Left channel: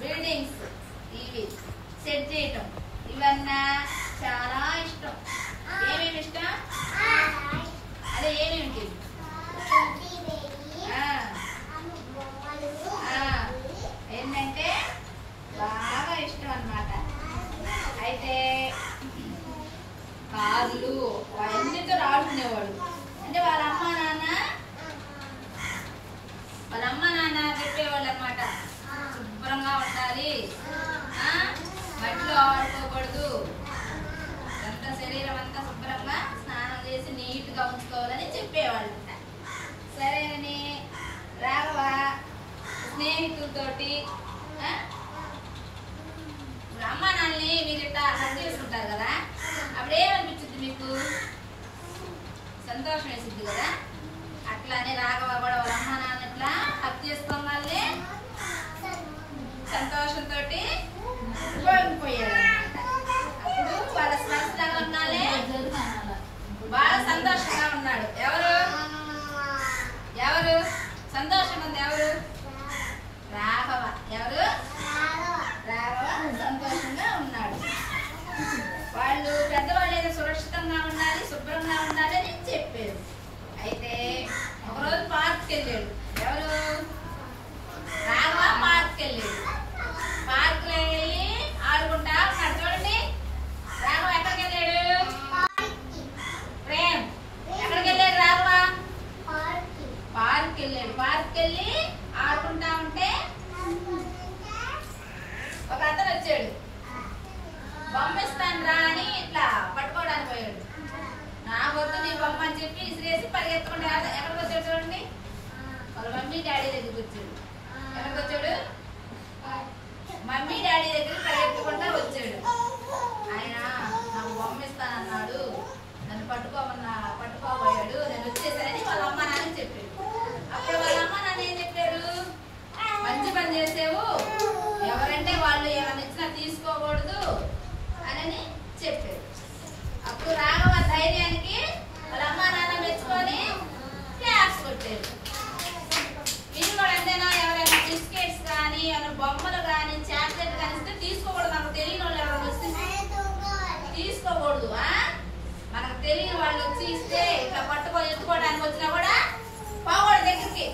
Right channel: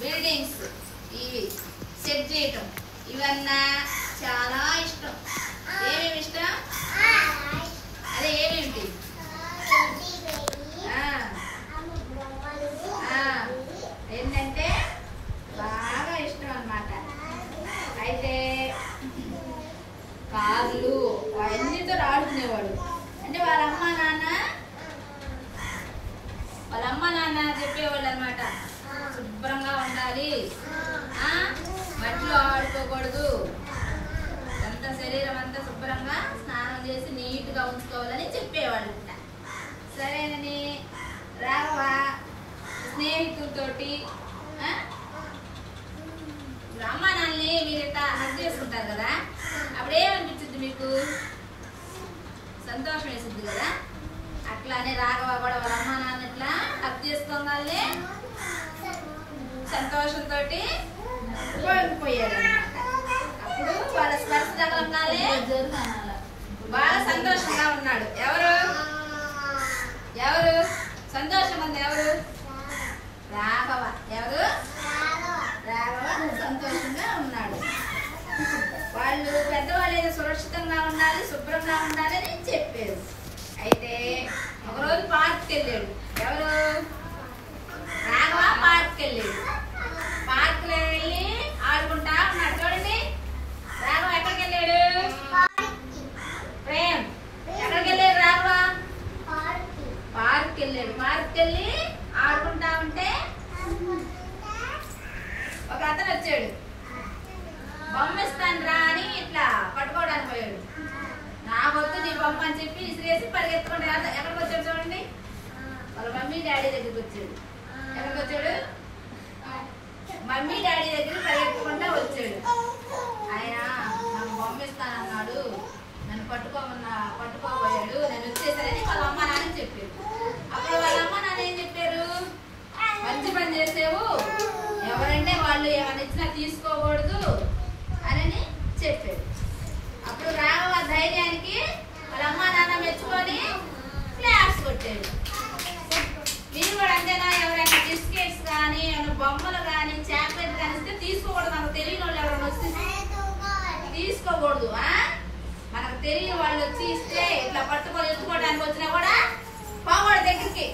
Buildings ఇవి set చేయటం ఇవన్నా చాలా ఇష్టం. ఏమేమి ఇష్టం? అదే ఏమేమిటి? ఏంటంటే బాగా ఇష్టం అన్నమాట. అయితే కార్లు అవన్నీతో ఆడుకునేవాడు. అంటే వాళ్ళ అమ్మ నాన్న చెప్పేవాళ్ళు అన్నమాట, శుభ్రంగా ఉండాలి, మట్టిలో ఆడుకోకూడదు, అంత శరీరం అంతా శుభ్రంగా స్నానం చేసి నీట్గా ఉంచుకోవాలని చెప్పేవాళ్ళు. సరేనని రాఘవ స్నేహితులతోటి అమ్మ నాన్నని మీరు ఇట్లా హగ్ చేసుకుంటారు కదా, అప్పుడేమనిపించింది మీకు? సంతోషం వేసింది కదా. అట్లానే రాఘవ కూడా వాళ్ళ అమ్మ నాన్న ఇట్లా హగ్ చేసుకోగానే సంతోషంతో పోయిపోయాడు అనమాట. అప్పుడు వాళ్ళ స్పర్శ తగలంగానే బాగా సంతోషంగా ఉన్నాడు. ఎవరు సంతోషం ఉంది? ఎవరు? రాఘవ. ఎవరు? రాఘవ సంతోషంగా ఉన్నాడు. వాళ్ళు పెద్దవాళ్ళు ఏదో సురక్షితంగా ఉండాలి, శుభ్రంగా ఉండాలి అని చెప్పారు. అయితే ఒకరోజు పార్క్కి వెళ్ళాడు. ఎవరు? రాఘవ పార్క్కి వెళ్ళాడు. పార్క్లో వెళ్ళి ఆడుకుంటా ఉన్నాడు. చూడండి, రాఘవ ఎక్కడికి వెళ్ళాడు? ప్రేమ్ ఎక్కడికి వెళ్ళాడు? రాఘవ పార్క్కి వెళ్ళాడు. పార్క్కి వెళ్ళి ఆడుకుంటా ఉంటే ఒక అతను వచ్చాడు. బొమ్మ ఇస్తాను రా అని ఇట్లా పట్టుకోవడానికి పోయాడు. నా వద్దు నీ బొమ్మ అని చెప్పి ఇసిరేసి పరిగెత్తుకుంటే ఎక్కడికి వచ్చాడు? చూడండి, వాళ్ళ మమ్మీ డాడీ దగ్గరికి వచ్చాడు. ఎక్కడికి వచ్చాడు? మమ్మీ డాడీ దగ్గరికి పరిగెత్తుకుంటా వచ్చాడు. ఆయన నాకు బొమ్మ ఇస్తానన్నాడు, నన్ను పట్టుకోబోయాడు, నేను వచ్చేసరికి వాళ్ళ అమ్మ నాన్న చెప్పాడు. అప్పుడు వాళ్ళ అమ్మ నాన్న ఏం చెప్పారు? మంచి పని చేసావు, ఎవరంటే వాళ్ళు ఏమైనా ఇచ్చినా తీసుకోకూడదు అని చెప్పాడు. అప్పుడు రాఘవ ధైర్యానికి వాళ్ళ అమ్మ నాన్న మెచ్చుకొని క్లాస్ కొట్టాడు. మీరు కూడా అంతేనా? ఎవరైనా బిస్కెట్స్ కానీ బొమ్మలు కానీ చాక్లెట్ కానీ ఇస్తే తీసుకోకూడదు. మనకు తెలియని వాళ్ళు ఎవరైనా వస్తే తీసుకోకూడదు. మనకు తెలియని వాళ్ళు వచ్చి ఇస్తే ఇట్లా పట్టుకొని ఎత్తుకోవడానికి వచ్చినా కూడా పోకూడదు దగ్గరికి.